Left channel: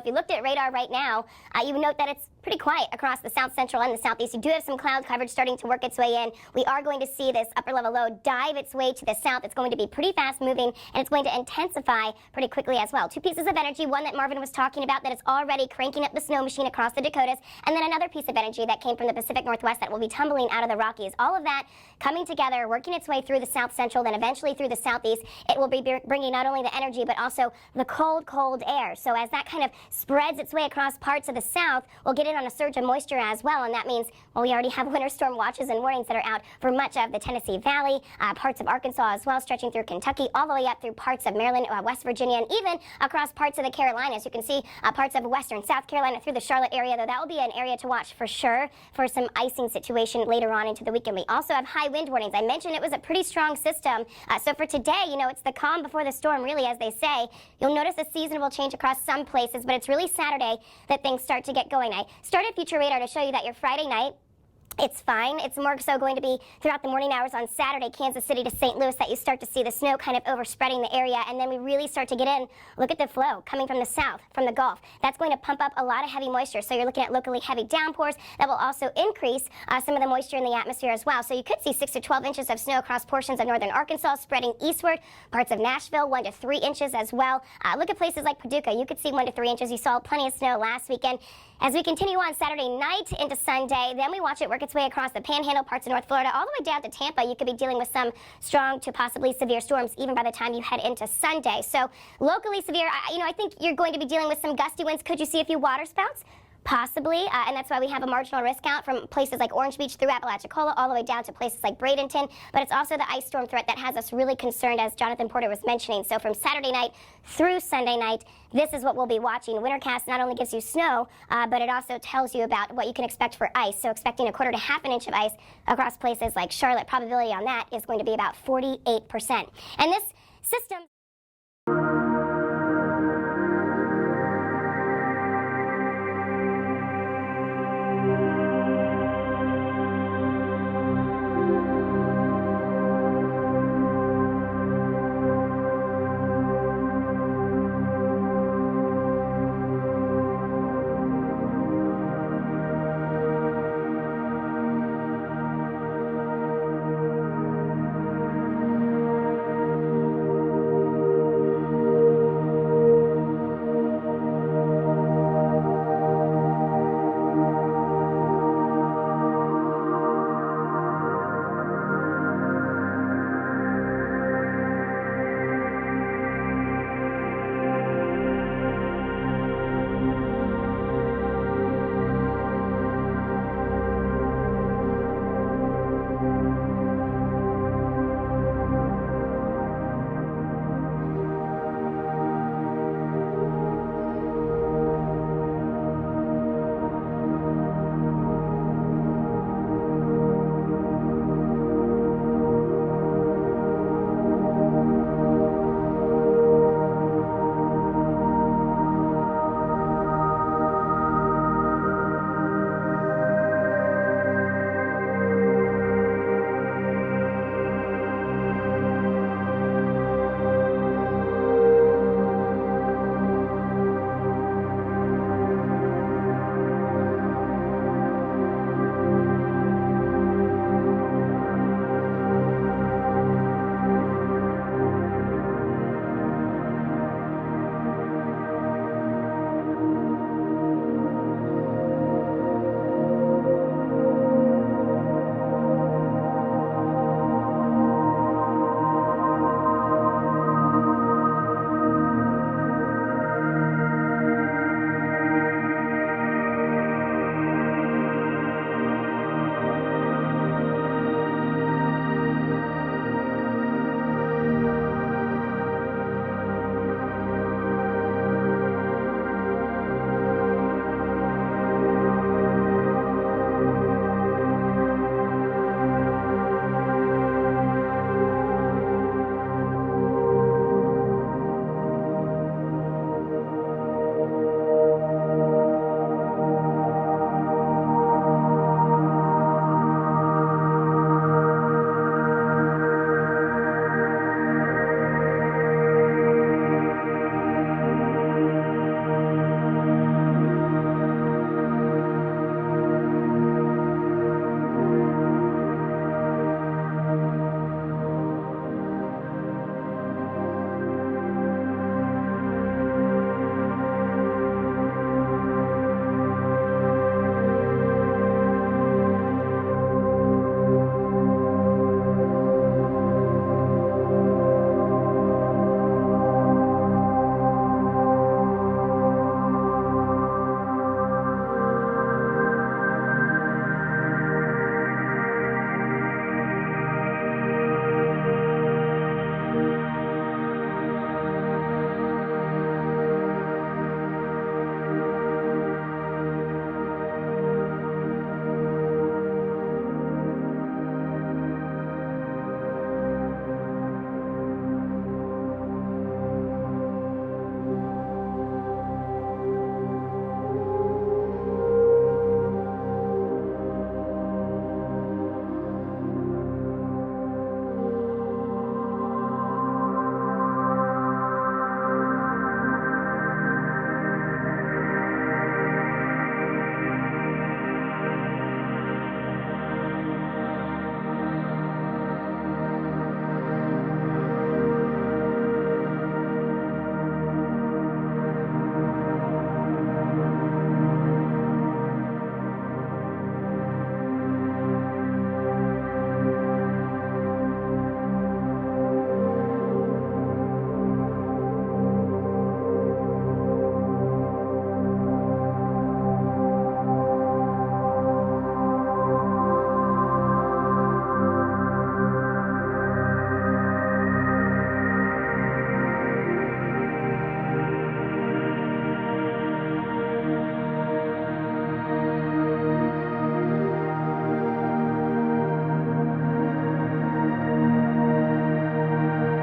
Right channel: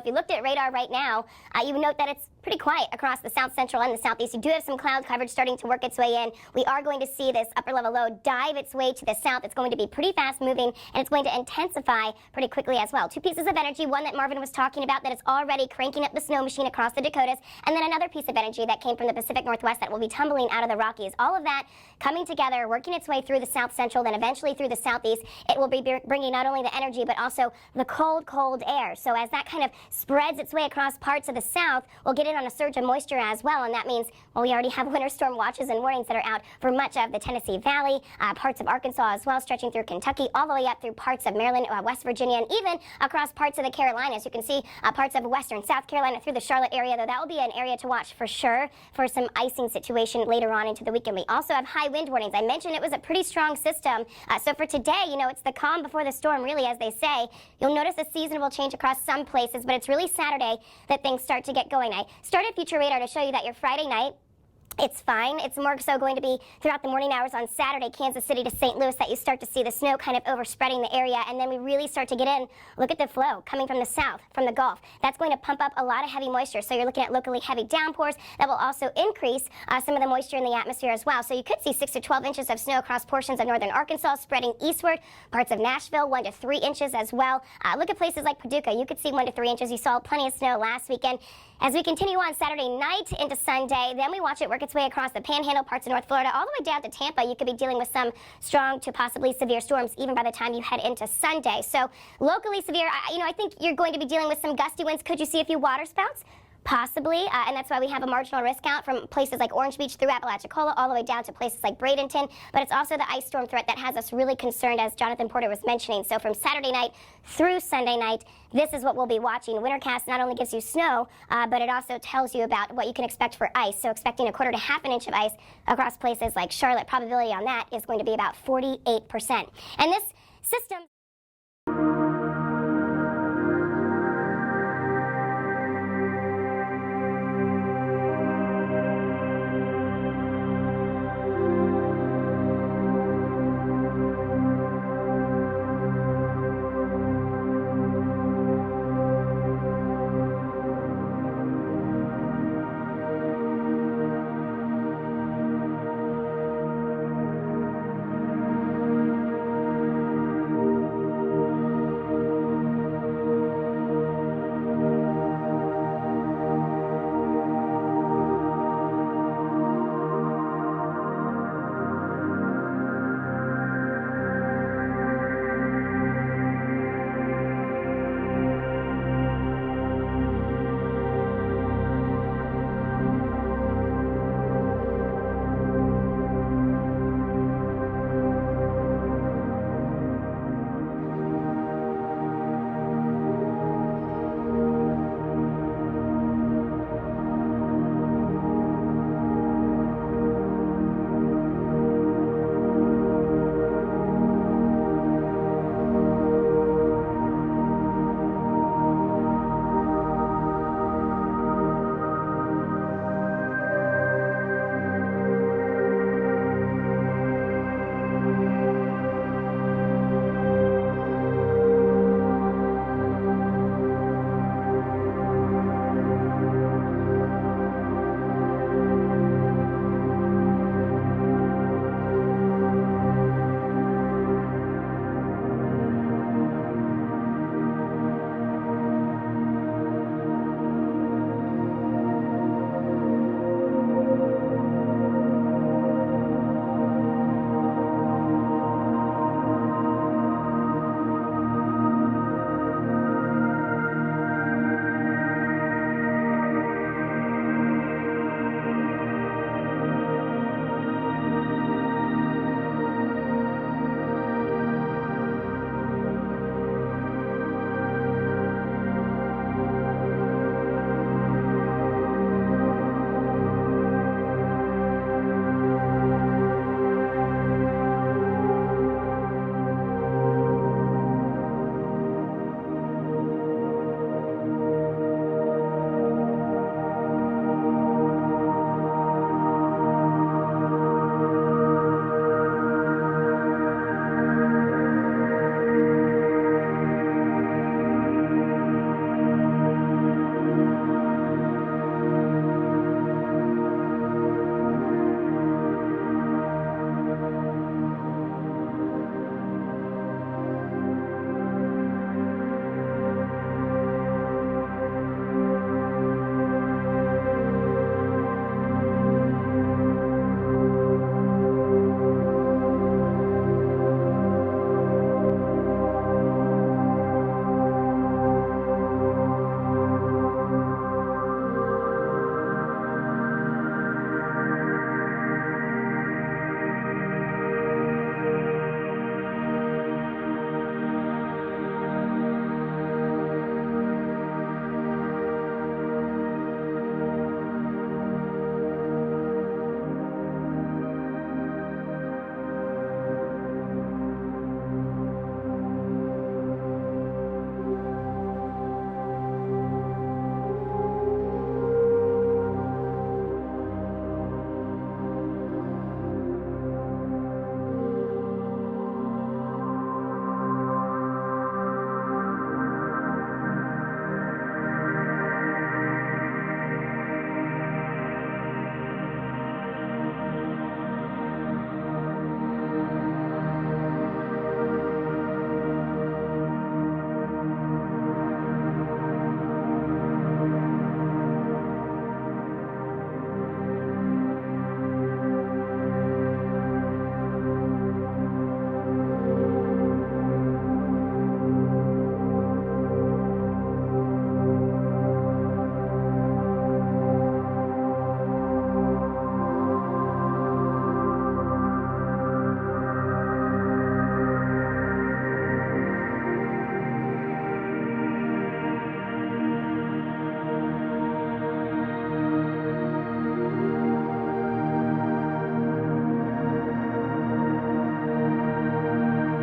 If you looked at radar right now, you would note that it's pretty quiet across the south central and the southeast. You do have some cloud coverage starting to work its way in. We are going to see this upper level low dive its way to the south. It's going to be pretty fast moving, and it's going to intensify pretty quickly as well. Two pieces of energy, one that Marvin was talking about that is already cranking up the snow machine across the Dakotas, and then another piece of energy that came from the Pacific Northwest that will be tumbling out of the Rockies. All of that coming together, working its way through the south central, then eventually through the southeast. It will be bringing not only the energy but also the cold, cold air. So as that kind of spreads its way across parts of the south, we'll get in on a surge of moisture as well, and that means, well, we already have winter storm watches and warnings that are out for much of the Tennessee Valley, parts of Arkansas as well, stretching through Kentucky, all the way up through parts of Maryland, West Virginia, and even across parts of the Carolinas. You can see parts of western South Carolina through the Charlotte area, though that will be an area to watch for sure for some icing situation later on into the weekend. We also have high wind warnings. I mentioned it was a pretty strong system, so for today, you know, it's the calm before the storm, really, as they say. You'll notice a seasonable change across some places, but it's really Saturday that things start to get going. I started Future Radar to show you that your Friday night, it's fine. It's more so going to be throughout the morning hours on Saturday, Kansas City to St. Louis, that you start to see the snow kind of overspreading the area, and then we really start to get in. Look at the flow coming from the south, from the Gulf. That's going to pump up a lot of heavy moisture, so you're looking at locally heavy downpours that will also increase some of the moisture in the atmosphere as well. So you could see 6 to 12 inches of snow across portions of northern Arkansas, spreading eastward, parts of Nashville, 1 to 3 inches as well. Look at places like Paducah. You could see 1 to 3 inches. You saw plenty of snow last weekend. As we continue on Saturday night into Sunday, then we watch it work its way across the Panhandle, parts of North Florida, all the way down to Tampa. You could be dealing with some strong to possibly severe storms even by the time you head into Sunday. So locally severe, I think you're going to be dealing with some gusty winds. Could you see a few water spouts? Possibly, and that's why we have a marginal risk out from places like Orange Beach through Apalachicola all the way down to places like Bradenton. But it's also the ice storm threat that has us really concerned, as Jonathan Porter was mentioning. So from Saturday night through Sunday night, this is what we'll be watching. Wintercast not only gives you snow, but it also tells you about what you can expect for ice. So expecting a quarter to half an inch of ice across places like Charlotte. Probability on that is going to be about 48%. And this system